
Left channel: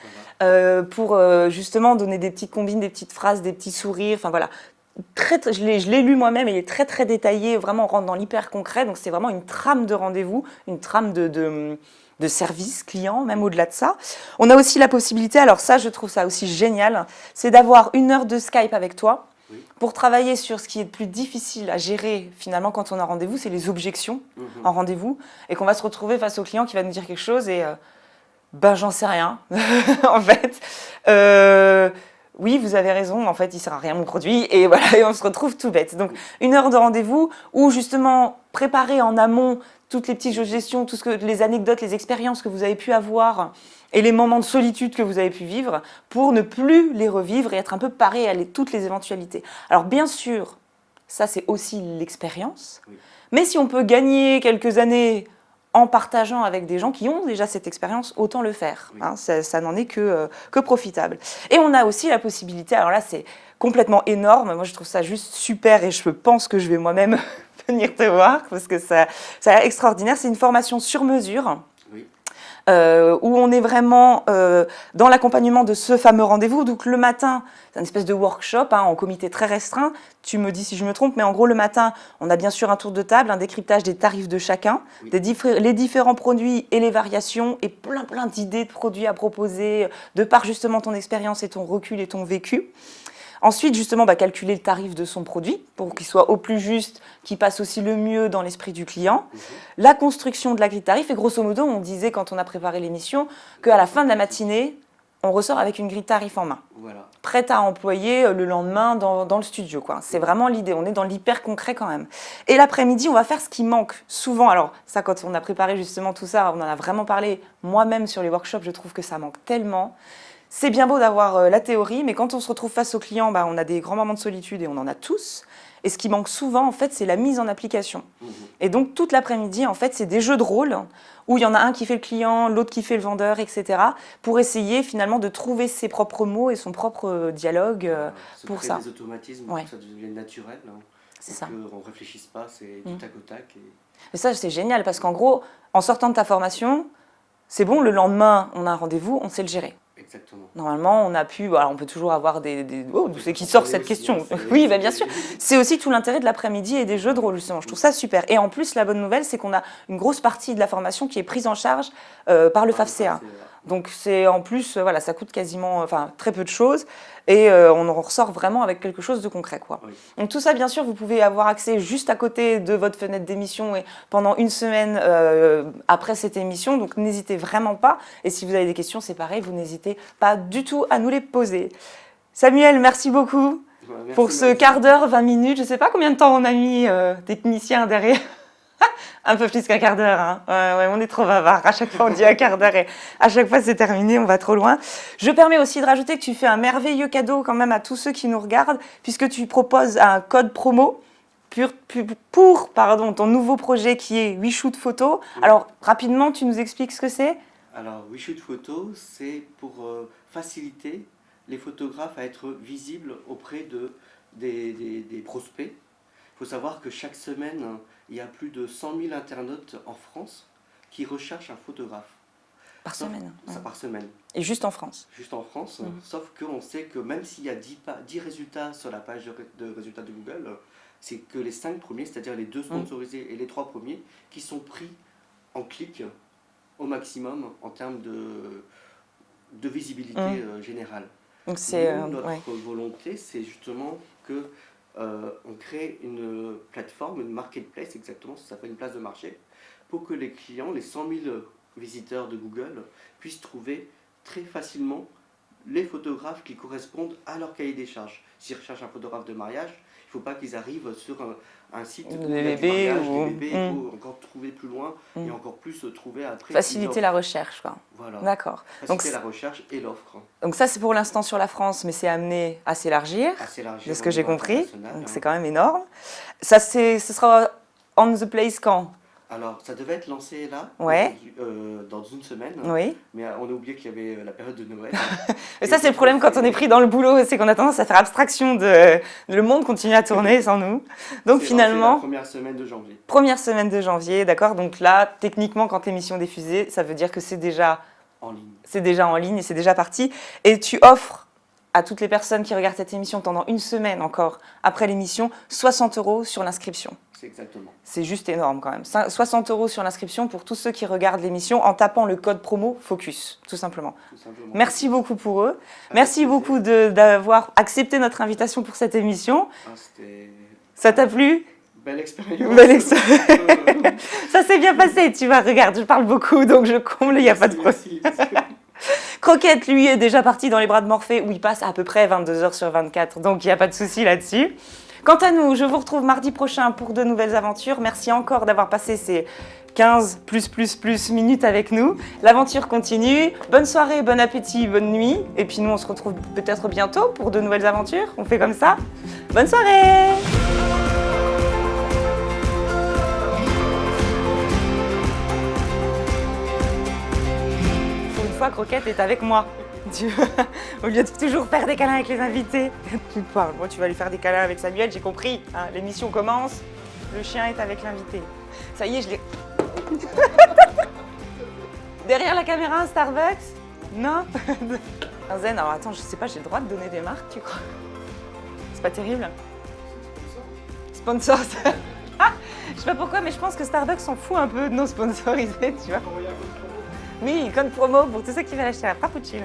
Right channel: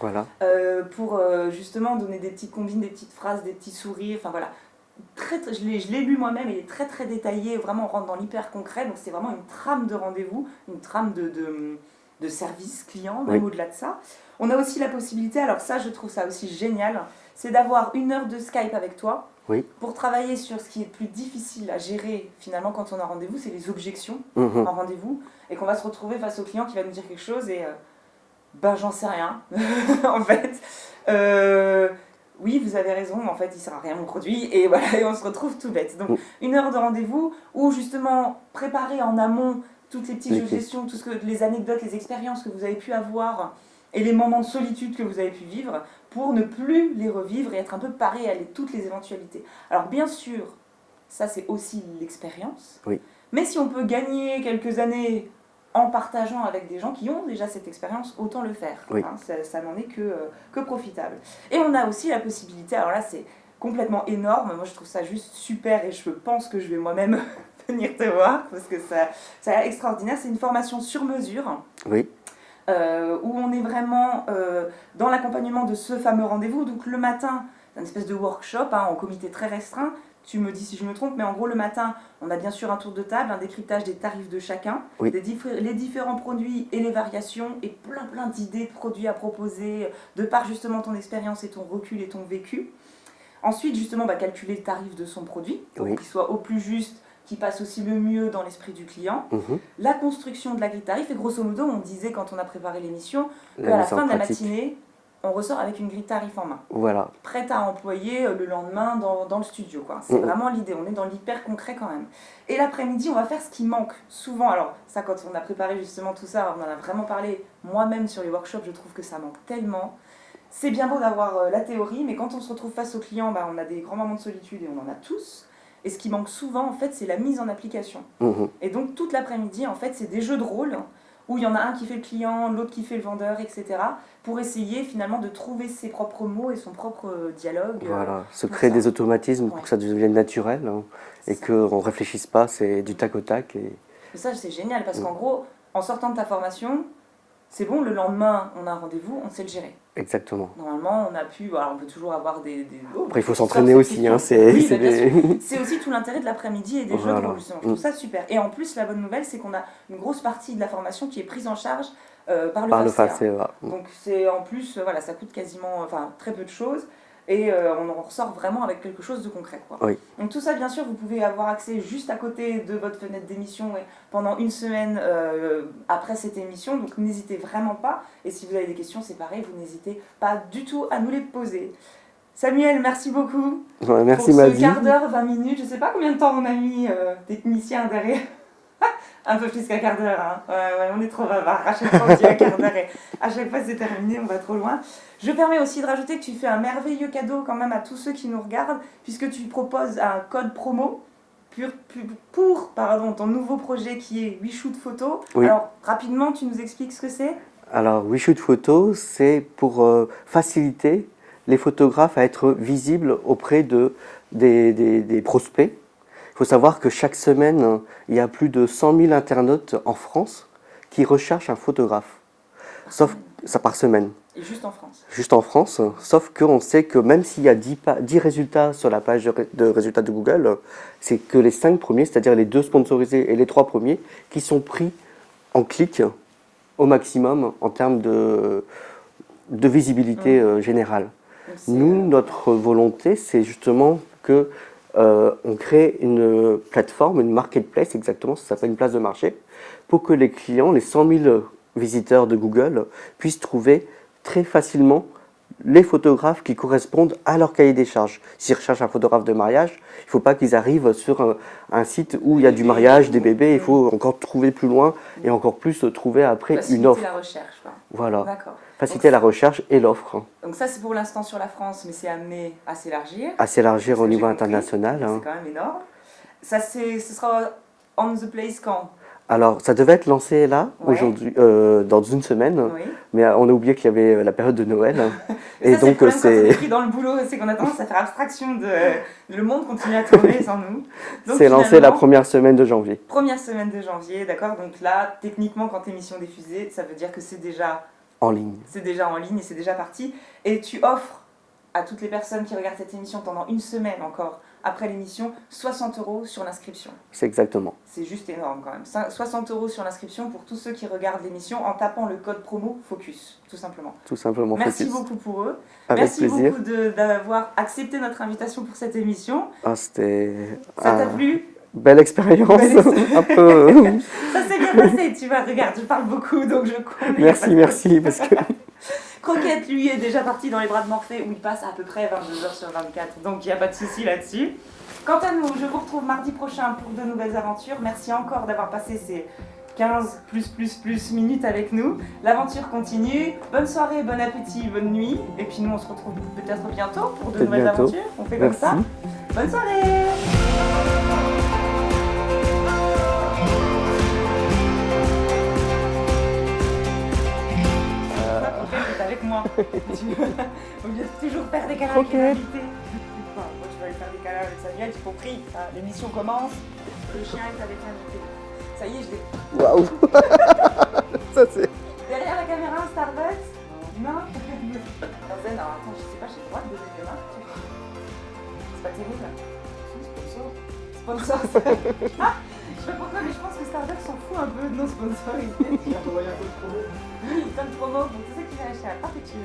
Pour justement donner des petites combines, des petites phrases, des petits sourires, enfin voilà. Je l'ai lu moi-même, il est très très détaillé, vraiment on rentre dans l'hyper concret, donc c'est vraiment une trame de rendez-vous, une trame de service client, même au-delà de ça. On a aussi la possibilité, alors ça je trouve ça aussi génial, c'est d'avoir 1 heure de Skype avec toi pour travailler sur ce qui est le plus difficile à gérer finalement quand on a rendez-vous, c'est les objections en rendez-vous, et qu'on va se retrouver face au client qui va nous dire quelque chose et ben j'en sais rien en fait. Oui, vous avez raison, en fait, il ne sert à rien mon produit, et voilà, et on se retrouve tout bête. Donc, 1 heure de rendez-vous où, justement, préparer en amont toutes les petites jeux de gestion, les anecdotes, les expériences que vous avez pu avoir et les moments de solitude que vous avez pu vivre pour ne plus les revivre et être un peu paré à toutes les éventualités. Alors, bien sûr, ça, c'est aussi l'expérience, mais si on peut gagner quelques années en partageant avec des gens qui ont déjà cette expérience, autant le faire. Hein, ça n'en est que profitable. Et on a aussi la possibilité, alors là c'est complètement énorme, moi je trouve ça juste super et je pense que je vais moi-même venir te voir parce que ça a l'air extraordinaire, c'est une formation sur mesure. Où on est vraiment dans l'accompagnement de ce fameux rendez-vous. Donc le matin, c'est une espèce de workshop en comité très restreint. Tu me dis si je me trompe, mais en gros le matin, on a bien sûr un tour de table, un décryptage des tarifs de chacun, les différents produits et les variations, et plein d'idées de produits à proposer, de par justement ton expérience et ton recul et ton vécu. Ensuite, justement, calculer le tarif de son produit pour qu'il soit au plus juste, qu'il passe aussi le mieux dans l'esprit du client. La construction de la grille de tarif. Et grosso modo, on disait quand on a préparé l'émission qu'à la fin de la matinée, on ressort avec une grille de tarif en main. Prête à employer le lendemain dans le studio. C'est vraiment l'idée. On est dans l'hyper concret quand même. Et l'après-midi, on va faire ce qui manque souvent. Alors ça, quand on a préparé justement tout ça, on en a vraiment parlé moi-même sur les workshops. Je trouve que ça manque tellement. C'est bien beau d'avoir la théorie, mais quand on se retrouve face au client, on a des grands moments de solitude et on en a tous. Et ce qui manque souvent, en fait, c'est la mise en application. Et donc, toute l'après-midi, en fait, c'est des jeux de rôle où il y en a un qui fait le client, l'autre qui fait le vendeur, etc. pour essayer finalement de trouver ses propres mots et son propre dialogue. Se créer des automatismes pour que ça devienne naturel et qu'on ne réfléchisse pas, c'est du tac au tac. Et ça, c'est génial parce qu'en gros, en sortant de ta formation, c'est bon, le lendemain, on a un rendez-vous, on sait le gérer. Exactement. Normalement, on a pu, alors on peut toujours avoir des Après, il faut s'entraîner aussi. Oui, bien sûr. C'est aussi tout l'intérêt de l'après-midi et des jeux de rôle, justement. Je trouve ça super. Et en plus, la bonne nouvelle, c'est qu'on a une grosse partie de la formation qui est prise en charge par le FAFSA. Donc, c'est en plus, ça coûte quasiment, très peu de choses. Et on en ressort vraiment avec quelque chose de concret. Donc tout ça, bien sûr, vous pouvez avoir accès juste à côté de votre fenêtre d'émission et pendant 1 semaine après cette émission. Donc n'hésitez vraiment pas. Et si vous avez des questions, c'est pareil, vous n'hésitez pas du tout à nous les poser. Samuel, merci beaucoup pour ce quart d'heure, 20 minutes. Je ne sais pas combien de temps on a mis technicien derrière. Un peu plus qu'un quart d'heure. On est trop bavard. À chaque fois, on dit un quart d'heure et à chaque fois, c'est terminé. On va trop loin. Je permets aussi de rajouter que tu fais un merveilleux cadeau quand même à tous ceux qui nous regardent, puisque tu proposes un code promo pour ton nouveau projet qui est WeShoot Photo. Alors, rapidement, tu nous expliques ce que c'est ? Alors, WeShoot Photo, c'est pour faciliter les photographes à être visibles auprès des prospects. Il faut savoir que chaque semaine, il y a plus de 100 000 internautes en France qui recherchent un photographe. Par semaine. Et juste en France. Juste en France, sauf qu'on sait que même s'il y a 10 résultats sur la page de résultats de Google, c'est que les 5 premiers, c'est-à-dire les 2 sponsorisés et les 3 premiers, qui sont pris en clic au maximum en termes de visibilité générale. Nous, notre volonté, c'est justement que on crée une plateforme, une marketplace exactement, ça s'appelle une place de marché, pour que les clients, les 100 000 visiteurs de Google, puissent trouver très facilement les photographes qui correspondent à leur cahier des charges. S'ils recherchent un photographe de mariage, il ne faut pas qu'ils arrivent sur un site où il y a du mariage, des bébés, il faut encore trouver plus loin et encore plus trouver après une offre. Faciliter la recherche, quoi. Voilà. D'accord. Faciliter la recherche et l'offre. Donc ça, c'est pour l'instant sur la France, mais c'est amené à s'élargir. À s'élargir au niveau international. C'est quand même énorme. Ça, ce sera on the place quand ? Alors, ça devait être lancé là, Ouais. aujourd'hui, dans une semaine, Oui. mais on a oublié qu'il y avait la période de Noël. Et ça, c'est le donc, problème quand on est c'est pris dans le boulot, c'est qu'on a tendance à faire abstraction de le monde continue à tourner sans nous. Donc c'est lancé la finalement, première semaine de janvier. première semaine de janvier, d'accord? Donc là, techniquement, quand l'émission est diffusée, ça veut dire que c'est déjà En ligne. en ligne et c'est déjà parti. Et tu offres à toutes les personnes qui regardent cette émission pendant une semaine encore après l'émission 60 € sur l'inscription. C'est exactement. C'est juste énorme quand même. 60 € sur l'inscription pour tous ceux qui regardent l'émission en tapant le code promo FOCUS, tout simplement. Tout simplement. Merci Focus. beaucoup pour eux. Avec Merci plaisir. beaucoup d'avoir accepté notre invitation pour cette émission. Ah, c'était Ça t'a plu? belle expérience. Belle expérience. Un peu. Ça s'est bien passé, tu vois, regarde, je parle beaucoup, donc je comble, il n'y a pas Merci, de merci. Parce que Croquette, lui, est déjà parti dans les bras de Morphée, où il passe à peu près 22h sur 24, donc il n'y a pas de souci là-dessus. Quant à nous, je vous retrouve mardi prochain pour de nouvelles aventures. Merci encore d'avoir passé ces 15 plus minutes avec nous. L'aventure continue. Bonne soirée, bon appétit, bonne nuit. Et puis nous, on se retrouve peut-être bientôt pour de nouvelles bientôt. aventures. On fait comme Merci. ça. Bonne soirée! Une fois, Croquette est avec moi. Au lieu de toujours faire des câlins avec les invités. Enfin, moi, tu vas aller faire des câlins avec Samuel, j'ai compris. Hein, l'émission commence, le chien est avec l'invité. Ça y est, je l'ai. Waouh. Ça, c'est. Derrière la caméra, un Starbucks? Non? Zen, alors attends, je sais pas, j'ai le droit de donner des marques, tu crois? C'est pas terrible? Sponsor. Ah, je sais pas pourquoi, mais je pense que Starbucks s'en fout un peu de nos sponsorisés, tu vois. Oui, code promo pour tous ceux qui veulent acheter un frappuccino.